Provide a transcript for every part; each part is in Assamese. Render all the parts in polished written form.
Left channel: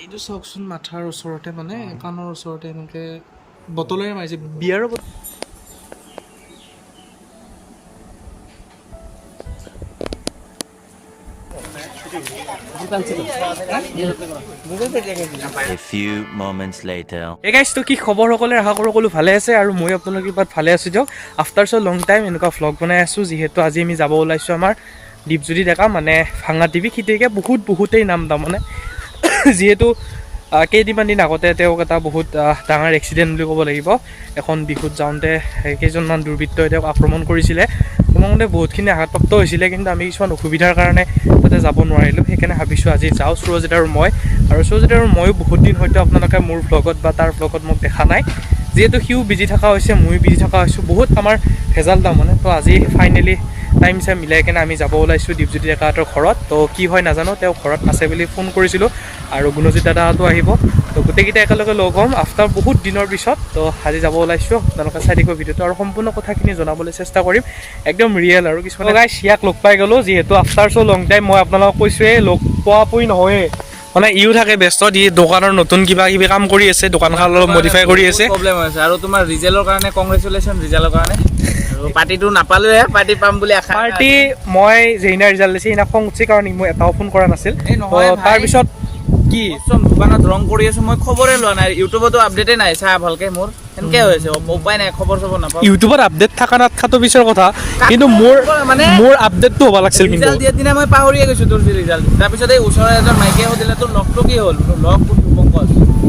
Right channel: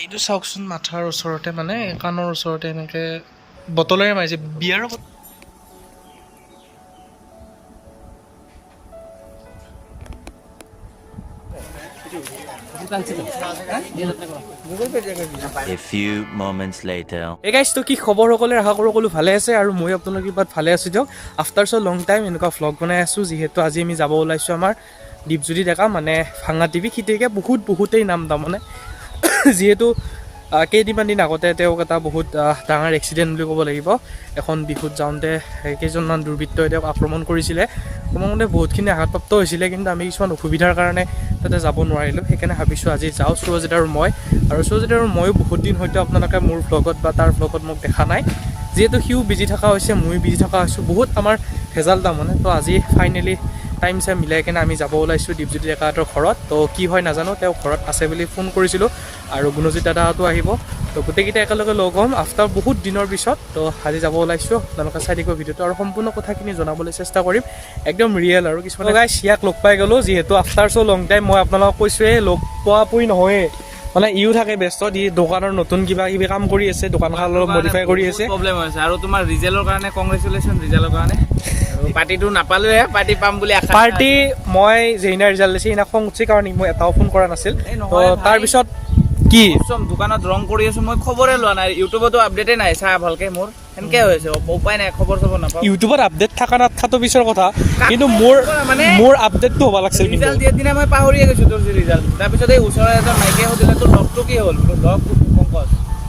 এইটো চাওকচোন মাথাৰ ওচৰতে মানে কাণৰ ওচৰতে এনেকৈ বটলেৰে মাৰিছে বিয়াৰৰ A few moments later. এই গাইজটো কি খবৰ সকলে আশা কৰোঁ সকলো ভালে আছে আৰু মই আপোনালোকৰ কিবাত ভালে আছোঁ দিয়ক আফটাৰ চ' লং টাইম এনেকুৱা ভ্লগ বনাই আছোঁ যিহেতু আজি আমি যাব ওলাইছোঁ আমাৰ দীপজ্যোতি ডেকা মানে ভাঙা টিভি সিটিকে বহুতেই নাম তাৰমানে যিহেতু কেইদিনমান দিন আগতে তেওঁক এটা বহুত ডাঙৰ এক্সিডেণ্ট বুলি ক'ব লাগিব এখন বিহুত যাওঁতে কেইজনমান দুৰ্বৃত্তই তেওঁক আক্ৰমণ কৰিছিলে মানে বহুতখিনি আঘাতপ্ৰাপ্ত হৈছিলে কিন্তু আমি কিছুমান অসুবিধাৰ কাৰণে তাতে যাব নোৱাৰিলোঁ সেইকাৰণে ভাবিছোঁ আজি যাওঁ সুৰজিত আৰু ময়ো বহুত দিন হয়তো আপোনালোকে মোৰ ভ্লগত বা তাৰ ভ্লগত মোক দেখা নাই যিহেতু সিও বিজি থকা হৈছে ময়ো বিজি থকা হৈছোঁ বহুত আমাৰ ভেজাল তাৰমানে তো আজি ফাইনেলি টাইম চাইম মিলাই কিনে আমি যাব ওলাইছোঁ দীপজ্যোতি ডেকাহঁতৰ ঘৰত তো কি হয় নাজানো তেওঁ ঘৰত আছে বুলি ফোন কৰিছিলোঁ আৰু গুণজিত দাদাহঁতো আহিব তো গোটেইকেইটা একেলগে লগ হ'ম আফটাৰ বহুত দিনৰ পিছত তো আজি যাব ওলাইছোঁ আপোনালোকে চাই দিব ভিডিঅ'টো আৰু সম্পূৰ্ণ কথাখিনি জনাবলৈ চেষ্টা কৰিম একদম ৰিয়েল আৰু কিছুমান গাইজ ইয়াক লগ পাই গ'লোঁ যিহেতু আফটাৰ চ' লং টাইম মই আপোনালোকক কৈছোঁৱেই লগ পোৱা পুই নহয়েই মানে ইও থাকে ব্যস্ত দি দোকানৰ নতুন কিবা কিবি কাম কৰি আছে দোকানখন অলপ মডিফাই কৰি আছে প্ৰব্লেম হৈছে আৰু তোমাৰ ৰিজাল্টৰ কাৰণে কংগ্ৰেচুলেশ্যন ৰিজাল্টৰ কাৰণে পাৰ্টিটো নাপালোঁহে পাৰ্টি পাম বুলি আশা পাৰ্টি মই যেইনা ৰিজাল্ট দিছে সেইদিনা খং উঠিছে কাৰণ মই এটাও ফোন কৰা নাছিল তাৰপিছত কি দোকানত ৰং কৰি আছোঁ মই খবৰে লোৱা নাই ইউটিউবতো আপডেটেই নাই চাই ভালকৈ মোৰ সেনেকৈ হৈছে উপায় নাই খবৰ চবৰ নাপাওঁ ইউটিউবত আপডেট থকা নাথাকাটো পিছৰ কথা কিন্তু মোৰ আপডেটটো হ'ব লাগিছিল কিন্তু ৰিজাল্ট দিয়াৰ দিনা মই পাহৰিয়ে গৈছোঁ তোৰ যি ৰিজাল্ট তাৰপিছত এই ওচৰৰ এজন মাইকীয়ে সুধিলে তোৰ লগটো কি হ'ল লগ পংকজ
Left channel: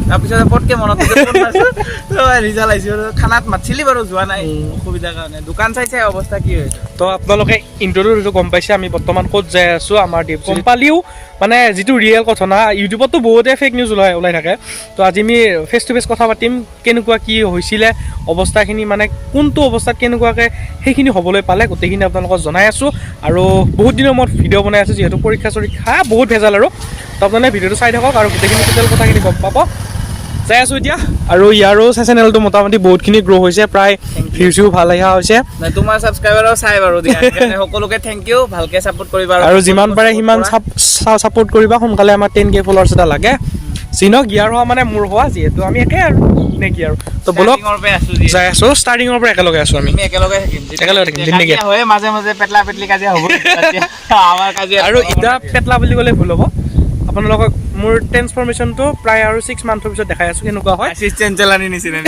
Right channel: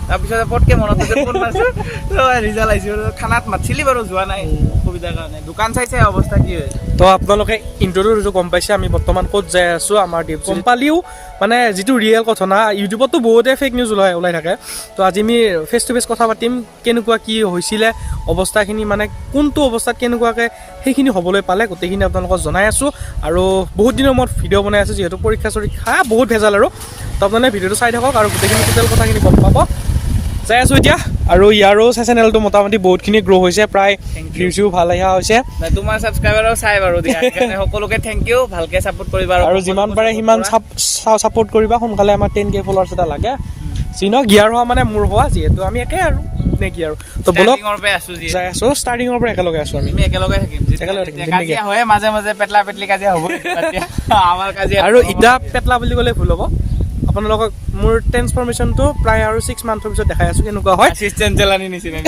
তাৰপিছত পটকৈ মনত ৰিজাল্ট আহিছে খানাত মাতিছিলি বাৰু যোৱা নাই অসুবিধাৰ কাৰণে দোকান চাইছে অৱস্থা কি হৈছে তো আপোনালোকে ইণ্টাৰভিউটো গম পাইছে আমি বৰ্তমান ক'ত যাই আছোঁ আমাৰ গম পালিও মানে যিটো ৰিয়েল ঘটনা ইউটিউবতো বহুতে ফেক নিউজ ওলাই থাকে তো আজি আমি ফেচ টু ফেচ কথা পাতিম কেনেকুৱা কি হৈছিলে অৱস্থাখিনি মানে কোনটো অৱস্থাত কেনেকুৱাকৈ সেইখিনি হ'বলৈ পালে গোটেইখিনি আপোনালোকক জনাই আছোঁ আৰু বহুত দিনৰ মূৰত ভিডিঅ' বনাই আছোঁ যিহেতু পৰীক্ষা বহুত ভেজাল আৰু তো আপোনালোকে ভিডিঅ'টো চাই থাকক আৰু গোটেইখিনি টোটেল কথাখিনি গম পাব চাই আছোঁ এতিয়া আৰু ইয়াৰো চেনেলটো মোটামুটি বহুতখিনি গ্ৰ' হৈছে প্ৰায় ভিউজো ভাল অহা হৈছে তোমাৰ ছাবস্ক্ৰাইবাৰো চাই বাৰু দিয়া সকলোকে থেংক ইউ ভালকৈ ছাপোৰ্ট কৰিবা আৰু যিমান পাৰে সিমান ছাপোৰ্ট কৰিবা সোনকালে আমাৰ 10K ফলোৱাৰ্ছ এটা লাগে চিনক ইয়াৰ হোৱা মানে মোৰ হোৱা যিহেতু আমি একে আৰু নে কি আৰু তো বলক যাই আছোঁ ষ্টাৰ্টিঙৰ পৰা একেলগে আছোঁ আমি একেলগে থাকিম নেকি হয় মাজে মাজে পেটলা পেটলি কাজিয়া হ'ব আমাৰ কাজিয়া আৰু এতিয়া পেটলা বুলি ক'লে ভুল হ'ব আপোনালোকক মোৰ ট্ৰেন্সফৰ্মেশ্যনটো প্ৰায় আৰু 6 মান্থৰ পিছত দেখাই আছোঁ কেনেকুৱা হয় এছিষ্টেণ্ট জেলানি নিচিনা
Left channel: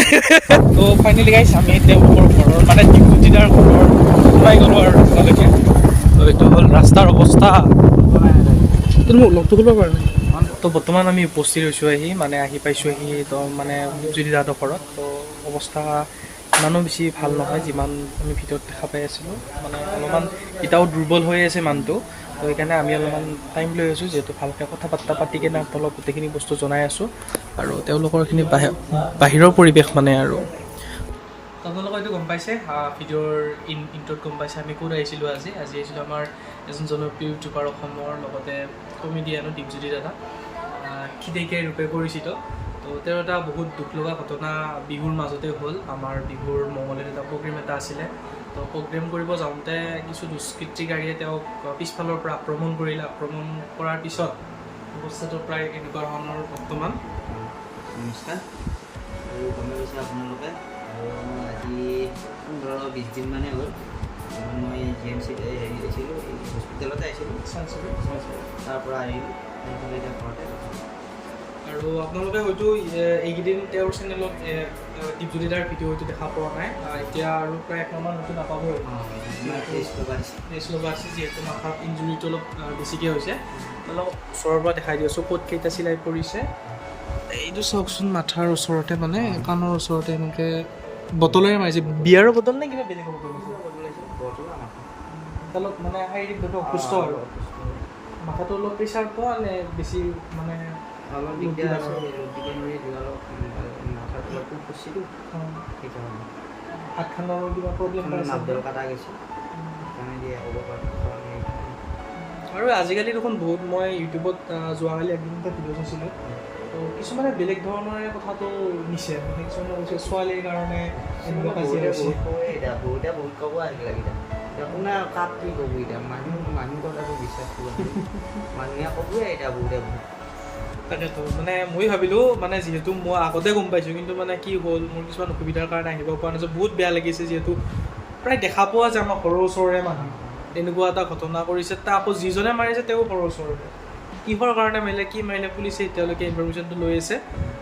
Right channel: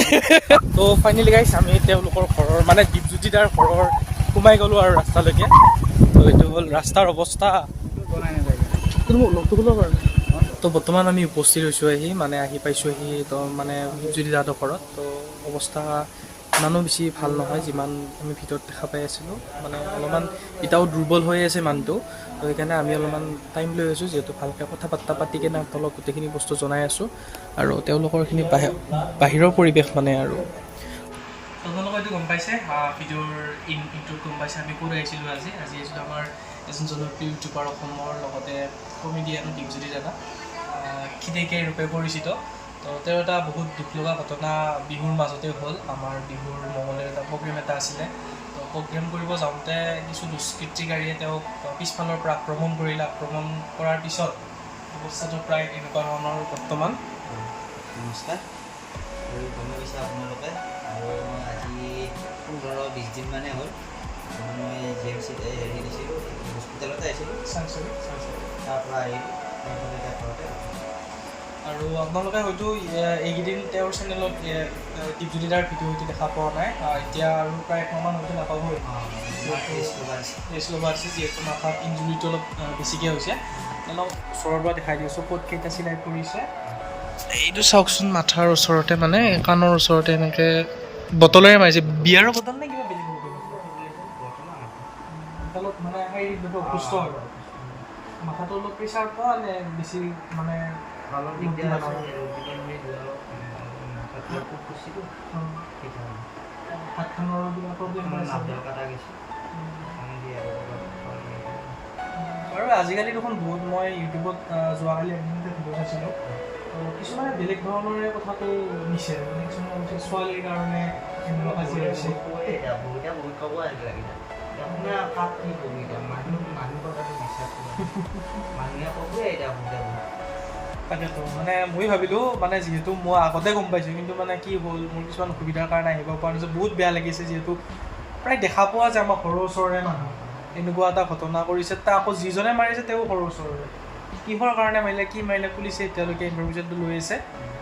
তো ফাইনেলি গাইছ আমি তেওঁলোকৰ ঘৰৰ মানে দীপজ্যোতি দাৰ ঘৰৰ সোমাই গ'লোঁ আৰু ৰাস্তালৈকে তো এইটো হ'ল ৰাস্তাৰ অৱস্থা তো বৰ্তমান আমি উপস্থিত হৈছোঁ আহি পাইছোঁ তো মানে দীপজ্যোতি দাহঁতৰ ঘৰত তো অৱস্থা ইমানো বেছি ভাল নহয় যিমান আমি ভিতৰত দেখা পাই আছিলোঁ মানে অলপমান এতিয়াও দুৰ্বল হৈ আছে মানুহটো তো সেইকাৰণে আমি অলপমান টাইম লৈ আছোঁ যিহেতু ভালকৈ কথা বাৰ্তা পাতি কিনে আপোনালোক গোটেইখিনি বস্তু জনাই আছোঁ আৰু তেওঁলোকৰখিনি বাহিৰৰ পৰিৱেশ মানে আৰু আপোনালোকে এইটো গম পাইছে ভিডিঅ'ৰ ইণ্ট্ৰত গম পাইছে আমি ক'ত আহিছিলোঁ আজি আহিছিলোঁ আমাৰ এজন জনপ্ৰিয় ইউটিউবাৰ অসমৰ লগতে কমেডিয়ানো দীপজ্যোতি দাদা খিদেকীয়াই ৰূপে পৰিচিত তো তেওঁৰ এটা বহুত দুখ লগা ঘটনা বিহুৰ মাজতে হ'ল আমাৰ বিহুৰ মঙলত এটা প্ৰগ্ৰেম এটা আছিলে তো প্ৰগ্ৰেম কৰিব যাওঁতে কিছু দুষ্কৃতিকাৰীয়ে তেওঁক পিছফালৰ পৰা আক্ৰমণ কৰিলে আক্ৰমণ কৰাৰ পিছত অৱস্থাটো প্ৰায় এনেকুৱা ধৰণৰ বৰ্তমান নমস্কাৰ আৰু গমে গৈছে আপোনালোকে আৰু আজি 15-20 দিনমানে হ'ল মই GMCত আহিছিলোঁ হস্পিটেলতে আহিছিলোঁ তাৰ পৰা আহিলোঁ এতিয়া ঘৰতে আৰু আপোনালোকে হয়তো এইকেইদিন তেওঁৰ চেনেলত দীপজ্যোতি দাৰ ভিডিঅ' হয়তো দেখা পোৱা নাই এতিয়া আৰু প্ৰায় একমাহমান হয়তো নাপাবই ৰেষ্ট ল'ব আছে যিহেতু মাথাত ইঞ্জুৰিটো অলপ বেছিকৈ হৈছে অলপ ওচৰৰ পৰা দেখাই দি আছোঁ ক'ত কেইটা চিলাই পৰিছে এইটো চাওকচোন মাথাৰ ওচৰতে মানে কাণৰ ওচৰতে এনেকৈ বটলেৰে মাৰিছে বিয়াৰৰ বটল নে কিবা বেলেগ বটল অলপ মানে শাৰীৰিকভাৱে অসুস্থ আৰু মাথাটো অলপ প্ৰেছাৰ পোৱা নে বেছি মানে হাতখনৰ কিবা প্ৰব্লেম আৰু আজিকালি দেখোন বহুত মই ইউটিউবত যোৱাকালি একদিনতে ভিডিঅ' চাইছিলোঁ তো কিছুমানে বেলেগ ধৰণৰে কথাটো নিছে মানে কিছুমানে কৈছে ছোৱালীৰ কাৰণে এনেকুৱা কাজিয়া হৈছে বহুতে বহুত ক'ব আহিলে আপোনাৰ কাক কি কৰিলোঁ এতিয়া মানুহ কথাটো বিশ্বাস কৰিব মানুহে ক'বই এতিয়া বহুতে বহুত তাকেতো মানে মই ভাবিলোঁ মানে যিহেতু মই আগতে গম পাইছোঁ কিন্তু মানে কি হ'ল মোৰ কিছুমান অসুবিধাৰ কাৰণে আহিব পৰা নাছিল বহুত বেয়া লাগিছে যিহেতু প্ৰায় দেখা পোৱা যে আমাৰ ঘৰৰ ওচৰৰে মানুহ এনেকুৱা এটা ঘটনা কৰিছে তাক আকৌ যিজনে মাৰিছে তেওঁ ঘৰৰ ওচৰৰে কিহৰ কাৰণে মাৰিলে কি মাৰিলে পুলিচে এতিয়ালৈকে ইনফৰমেশ্যনটো লৈ আছে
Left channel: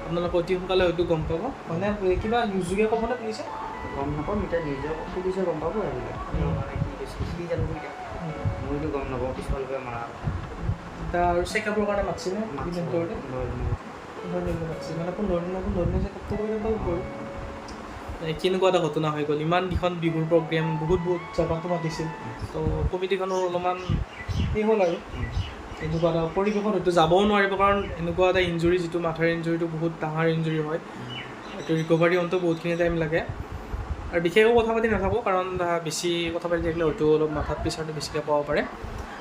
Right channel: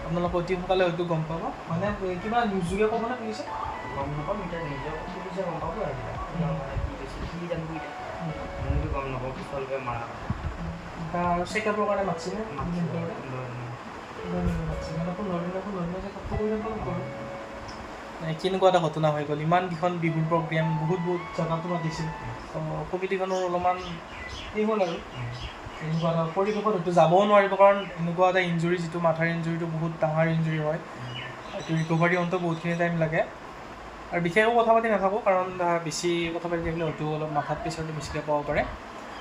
আপোনালোকে অতি সোনকালে হয়তো গম পাব মানে কিবা নিউজযোগে ক'বনে পুলিচে গম নাপাম এতিয়া নিজৰ পুলিচে গম পাব আৰু মানে কি কৈছে কি জানিব এতিয়া মইতো গম নাপাওঁ পিছফালৰ মাৰা এতিয়া আৰু চেকআপৰ কাৰণে মাতিছিলে মাতিছে মাতিছিল মানে পোন্ধৰ চেকআপটো কৰি যাব লাগিব আৰু কেনেকুৱা এটা ঘটনা হৈ গ'ল ইমান কেইখন বিহুৰ প্ৰগ্ৰেম বহুত জেগাতো মাতিছিল তো কমিটিখনৰ অলপমান সেই হ'ল আৰু এনেকুৱা এটা পৰিৱেশত হয়তো যাবও নোৱাৰিব কাৰণ এনেকুৱা এটা ইঞ্জুৰি যিটো মাথাৰ ইঞ্জুৰিটো বহুত ডাঙৰ ইঞ্জুৰি হয় এইটো ৰিকভাৰী হওঁতে বহুতখিনি টাইম লাগে আৰু বিশেষকৈ কথা পাতি নাথাকোঁ কাৰণ বেছি কথা পাতি থাকিলে হয়তো অলপ মাথাত প্ৰেছাৰটো বেছিকৈ পাব পাৰে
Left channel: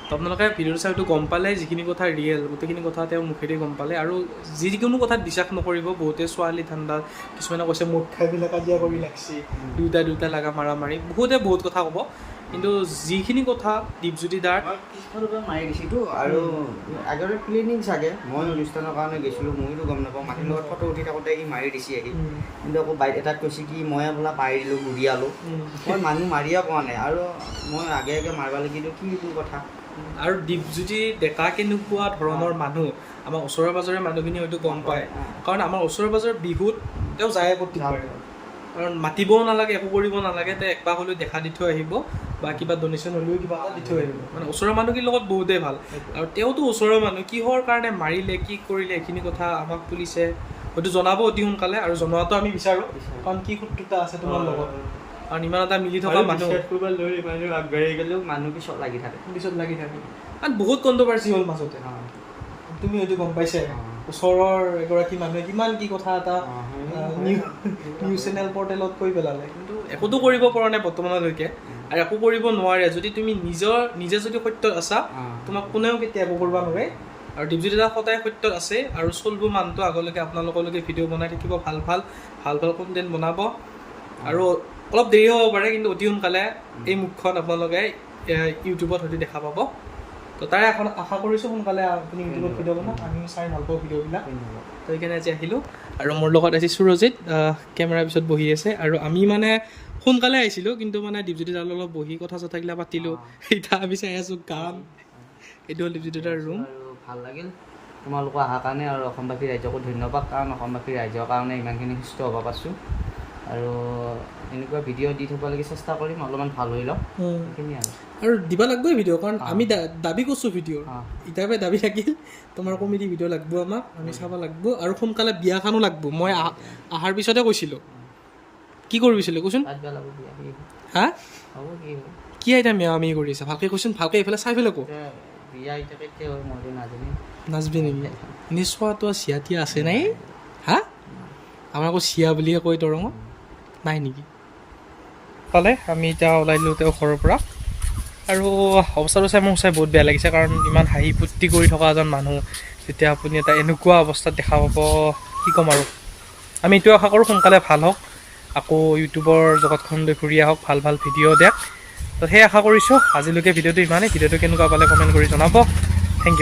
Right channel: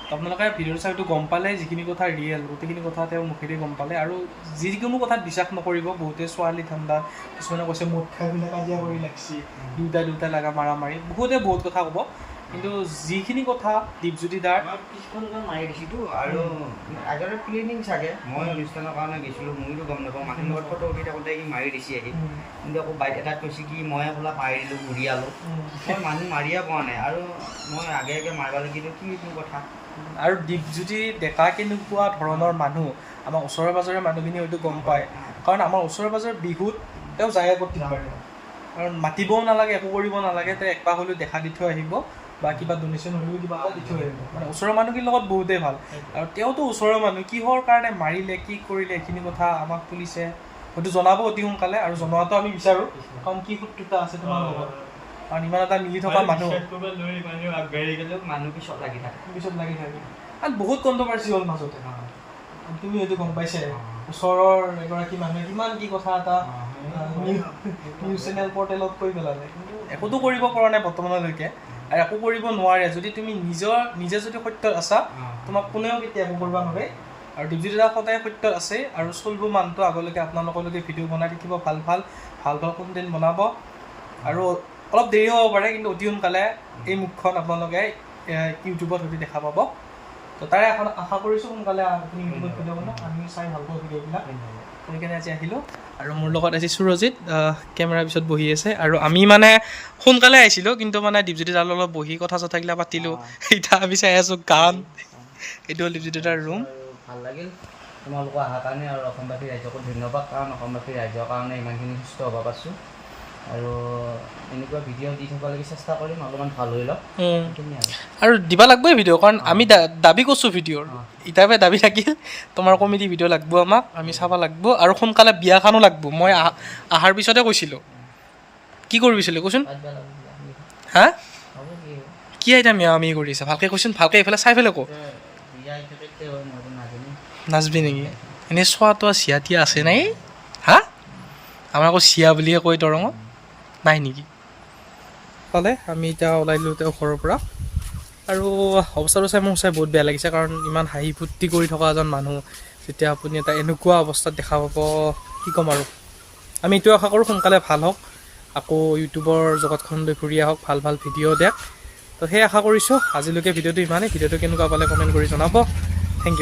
তো আপোনালোকে ভিডিঅ'টো চাই হয়তো গম পালে যিখিনি কথা ৰিয়েল গোটেইখিনি কথা তেওঁৰ মুখেদি গম পালে আৰু যিকোনো কথাত বিশ্বাস নকৰিব বহুতে ছোৱালী ঠাণ্ডাত কিছুমানে কৈছে মুঠ খাই পেলাই কাজিয়া কৰি লাগছি দুটা লগা মাৰি বহুতে বহুত কথা ক'ব কিন্তু যিখিনি কথা দীপজ্যোতি দাৰ পিছফালৰ পৰা মাৰি দিছিলো আৰু আগতে প্লেনিং চাগে মই অনুষ্ঠানৰ কাৰণে গৈছিলোঁ মইতো গম নাপাওঁ মানুহৰ লগত ফটো উঠি থাকোঁতে সি মাৰি দিছে আহি কিন্তু আকৌ বাইক এটাত কৈছে কি মই বোলা মাৰি দিলোঁ ঘূৰিয়ালোঁ মই মানুহ মাৰিয়ে পোৱা নাই আৰু মই আগে মাৰিব লাগিলোঁ কি কথা আৰু দীপজ্যোতি ডেকা কেনেকুৱা ধৰণৰ মানুহ আমাৰ ওচৰে পাজৰে মানুহখিনি হয়তো গম পায় কাৰণ আমাৰ ওচৰে পাজৰে বিহুত তেওঁ যায় প্ৰত্যেকবাৰে কাৰণ মাতিবও নালাগে একো কৰিব নালাগে তেওঁ একপাক হ'লেও দেখা দি থৈ আহিব বা কিবা ডনেশ্যন হ'লেও কিবা এটা দি থৈ আহিব মানে ওচৰৰ মানুহখিনিৰ লগত বহুতেই ভাল আৰু তেওঁতো ওচৰৰ মানুহ কিহৰ কাৰণে মাৰিলে কি কৰিলে এইখিনি কথা আমাক পুলিচে হয়তো জনাব অতি সোনকালে আৰু জনোৱাটো আমি বিচাৰোঁ কাৰণ কি শত্ৰুতা আছে তোমাৰ লগত কাৰণ ইমান এটা মিলি থকা মানুহ আগবাঢ়ি গ'লেও মানুহ পিছত লাগি থাকে আৰু বহুত কণ্ট্ৰভাৰ্চি হ'ল মাজতে তুমি হয়তো গম পাইছে ওচৰৰ এগৰাকী মানুহে কিমান কি কথা এটা নিউজ চেনেল পৰ্টেলত কৈ পেলালে কিন্তু একোতো কৰিব পৰা নাই বৰ্তমানলৈকে আৰু একো কৰিব নোৱাৰে যদি তুমি নিজে যদি সত্যত আছা তোমাক কোনেও কেতিয়া একো কৰিব নোৱাৰে আৰু দীপজ্যোতি দা সদায় সত্যত আছে আৰু চলব মানুহটো আগলৈকে আপোনালোকলৈকে ভিডিঅ' বনাই থাকিব ভাল কণ্টেণ্ট বনাব আৰু অলপ দেৰি হ'ব পাৰে কিন্তু অতি সোনকালে এই মুখখন আপোনালোকে ইউটিউবত হয়তো দেখা পাব তো তাৰে এখন আশা কৰিছোঁ সোনকালে আপুনি ইউটিউবত ভিডিঅ' বনাওক আমি চাই ভাল পাওঁ ভিডিঅ'বিলাক তো সেইকাৰণে আজি আহিলোঁ আৰু মোৰ লগত আজি সুৰজিত কেমেৰাৰ পিছত বহি আছে আৰু আমি মানে সোনকালে আহিছিলোঁ কিন্তু মানে দীপজ্যোতি দাৰ লগত বহি কথা চথাগিলা পাতিলোঁ এতিয়া আমি চাই আছোঁ গান এইটো হ'ল দীপজ্যোতি দাৰ ৰুম আৰু ভাল লাগিল তোমালোকৰ অহাৰ কাৰণে আৰু অসমবাসী ৰাইজকো ধন্যবাদ কাৰণ অসমবাসী ৰাইজৰ কাৰণে ইমানখিনি সুস্থ হ'ব পাৰিছোঁ আৰু এনেকুৱা ভিডিঅ' দি থ'বলৈকে চেষ্টা কৰিম অলপমান ভাল হৈ লওক আৰু দিব লাগবই ভিডিঅ' কাৰণ আমি দাবী কৰিছোঁ ভিডিঅ'ৰ ইতাপে দাবী থাকিল তোমাৰ কমেডি ভিডিঅ' লাগব আমাক আমি চাব লাগব আৰু সোনকালে বিয়াখনো লাগব মই অহাৰ পিছতে কৈছিলোঁ কি কৰিছিলোঁ কচোন হা কি আইতা মেয়া আমি কৰি আছে ভালকৈ কৈছোন ভালকৈ এইফালে চাই পেলাই কওঁ নাচবি নেকি এনেই চোৱা তোৱা চিয়া তিয়া আছে নাই হা আমাৰ আকৌ চিয়া বুলিয়ে কয় দৰঙত নাই নেকি ক'লে আমি এতিয়া ওলাই দিলোঁ তেওঁ ঘৰৰ পৰা আৰু অৱস্থাটো চাই মোৰ চাই বহুত বেয়া লাগিছে কাৰণ ইমান হাঁহি ফূৰ্তি কৰি থকা এজন মানুহ যেতিয়া আপুনি এটা এনেকুৱা অৱস্থাত দেখা পাব কি ক'ম আৰু আমি এইটো আশা কৰোঁ সোনকালে ভাল হওক আকৌ ইউটিউবৰ জগতখনলৈ ঘূৰি আহক ভাল ভিডিঅ' দিয়ক তো সেই আশা কৰিছোঁ আজিলৈকে ভিডিঅ'টো ইমানেই ভিডিঅ'টো কেনেকুৱা পালে কমেণ্ট কৰি জনাব থেংক ইউ